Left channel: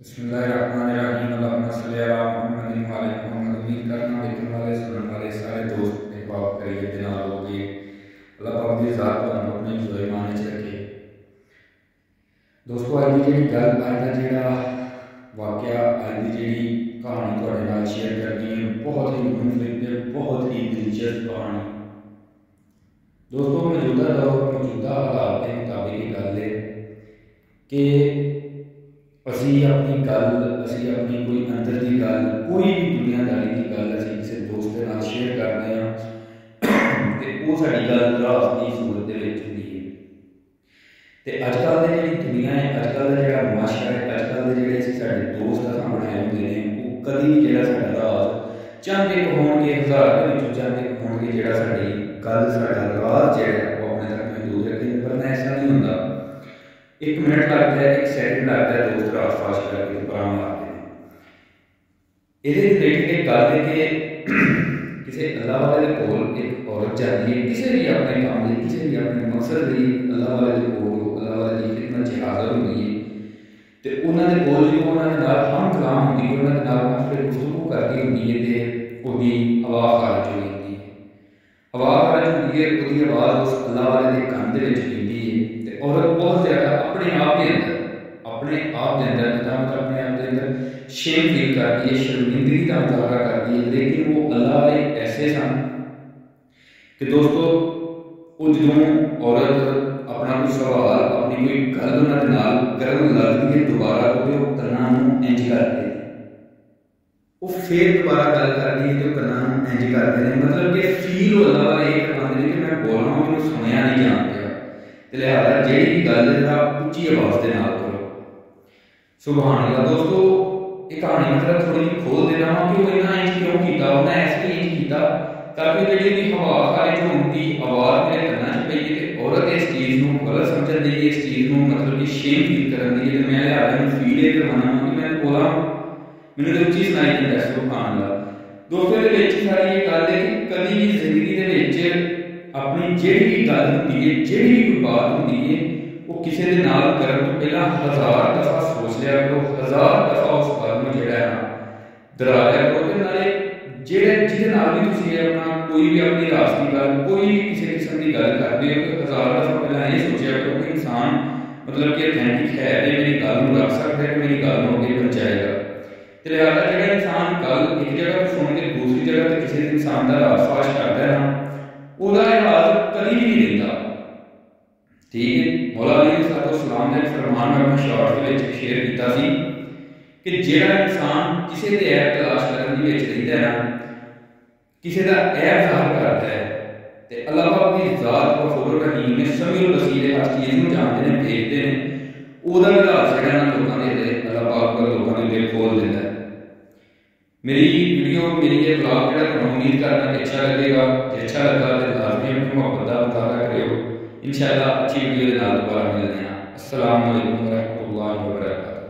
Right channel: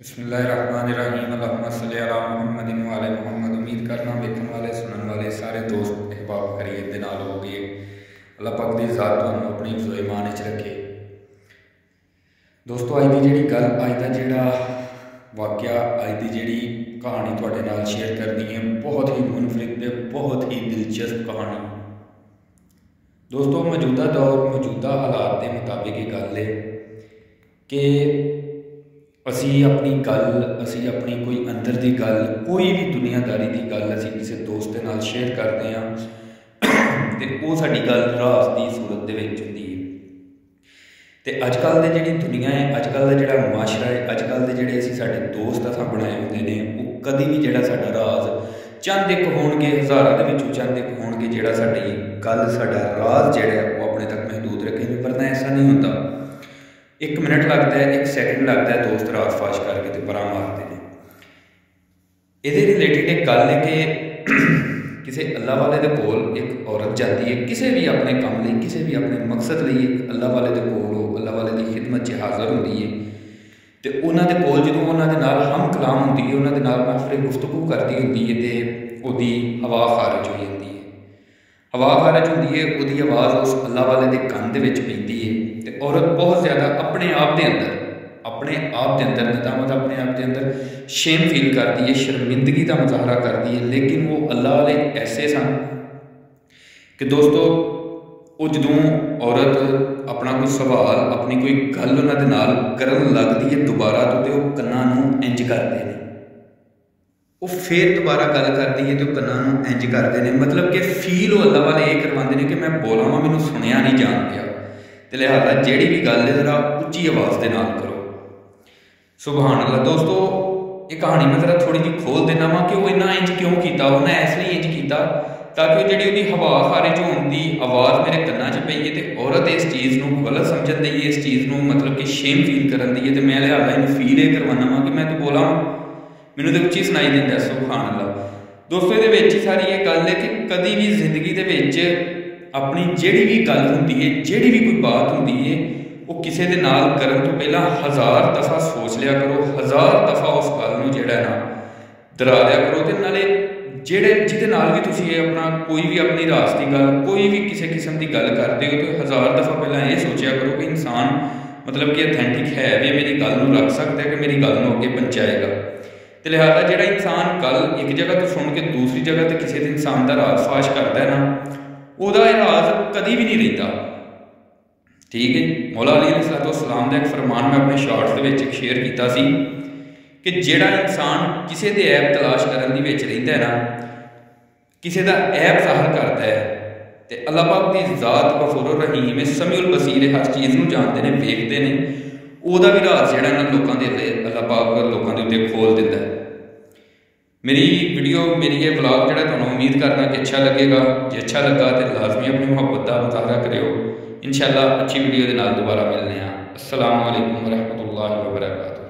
बिस्मिल्लाहिर्रहमानिर्रहीम अल्लाहुम्मा सल्लि अला मुहम्मदिन व अला मुहम्मद। उम्मीद करना वेखण वाले सुनने वाले सारे दोस्त अहबाब करीब दे नाल होगे। अल्लाह पाक दी ज़ात तुहानूं अपनी हिफ़्ज़ो ईमान च रखे। दोस्तों अज दी जिहड़ी गल, अज दा जिहड़ा वाक़या, अज दी जिहड़ी कहानी तुहाडे नाल शेयर करनी है, बहुत ही मुनफरिद ते बहुत ही दिलचस्प कहानी। दोस्तों मौजूदा दौर, मौजूदा हालात के मुताबिक ये गल है कि असी अपनी गल, असी अपनी कोई अंदर की गल, कोई भी दुनियादारी की गल असी किसी दोस्त के नाल शेयर करते हैं तो वो साडी गल राज की सूरत दे विच हुंदी है। तो अजकल की जिहड़ी दुनिया है, अजकल का जिहड़ा माशरा है, अजकल के जिहड़े असी साडे दोस्त असां बनाए हुंदे ने, वो कदी भी जिहड़ा साडा राज चंद एक होणगे, हज़ारां दे विचों चंद एक होणगे जिहड़ा साडी गल, साडा राज जिहड़ा वो अपने तक महदूद रखेंगे, वरना ऐसा नहीं होंदा। एक मिनट लगता है, एक सैकेंड लगता है, दोस्त रात फाश करके तो परा मारते हैं। ये रिलेटेड एक गल है कि किसी अल्लाह वाले के कोल एक औरत जाती है, किसी भी अपने काम लिए, किसी भी अपने मकसद लिए अल्लाह वाले के कोल हो, अल्लाह वाले की खिदमत च हाज़र होंदी है। तो उन्होंने कोल जो उन्होंने नाल हम कलाम होंदी है, उन्होंने नाल माफरे गुफ्तगू करती होंदी है, तो उसकी हवा खारिज हो जाती है। हवा खारिज होंदी है, उसकी आवाज़ उस अल्लाह वाले के कंन दे विच पैंदी है। तो औरत बहुत ज़्यादा अपने आप के अंदर नदामत, अपने आप के अंदर शेम फील करती है, शर्मिंदगी का मुजाहरा करती है। लेकिन वो अल्लाह वाले ऐसे सन कि दोस्तों वो जदों औरत अपना कोई सवाल, अपनी कोई गल उन्होंने नाल करन लगदी है दोबारा, तो वो कन्नां नूं इंज करते हैं, वो फिर दोबारा गल करती है तो कन्नां नूं इंज करते हैं। मतलब कि फील वो अल्लाह वाले ये करवाते हैं कि मैं बोला वां, मैनूं सुनिया नहीं जान दिया, तो लिहाजा जिहड़ी भी गल है जरा उच्ची आवाज़ के नाल करो। सुभान अल्लाह। दोस्तों ये कहानी मैं जरा थोड़ी जी खोल देना वा कि वो इन्ना इंज क्यों किया। उन्हें इसलिए इंज किया ताकि जी उसकी हवा खारिज होने की आवाज़ मेरे कन्ना च पई है, तो औरत इस चीज़ को गलत समझन दी है, इस चीज़ को मतलब कि शेम फील करन दी है। तो मैं लिहाजा इन फील ये करवाना वा कि मैं तो बोला मैनूं तो उच्ची सुनाई देता। सुभान अल्लाह। दोस्तों ये सारी ये गल है कि कभी भी जिंदगी के अपनी जिहड़ी भी गल होंदी है, जिहड़ी भी कोई बात होंदी है, वो किसी के नाल करन तो पहला 1000 दफ़ा सोच लिया करो, 1000 दफ़ा उस गल नूं जिहड़ा ना दोहरा लिया करो। तो नाले जिहदे नाल भी तुसीं अपना कोई भी अपनी राज की गल, कोई भी किसी किस्म की गल करते हो, तो 1000 दफ़ा पहला ये सोचा करो कि इंसान मतलब कि ऑथेंटिक है, भी मेरी गल नूं रख सकता है कि मेरी गल नूं अगे पहुँचाएगा। तो लिहाजा जिहड़ा इंसान गल एक जगह तो सुन के दूसरी जगह तो किसी इंसान का राज फाश करता है ना, वह राज कभी भी नहीं रहिंदा। ठीक है। मौला अली अलैहिस्सलाम का एक फरमान मैं अपने शॉर्ट्स के शेयर किया सी कि जिहड़ा इंसान किसी के ऐब तलाश करने की रहिंदा है ना, किसी का ऐब जाहिर करता है, तो अल्लाह पाक की ज़ात गफूरुर रहीम है, समीउल बसीर, हर चीज़ को जानते हैं, वेखते हैं, वह भी राज जिहड़ा ना लोगों के अल्लाह पाक लोगों के उत्ते खोल दिंदा है। मेरी वीडियो, मेरी ये ब्लॉग जो तुहानूं उम्मीद करना कि अच्छा लगेगा। जो अच्छा लगा तो लाजमी अपनी मुहब्बत का मुजाहरा करियो। इंशाअल्लाह अच्छी वीडियो के नाल दोबारा मिलने। अस्सलामु अलैकुम वरहमतुल्लाहि वबरकातुहू।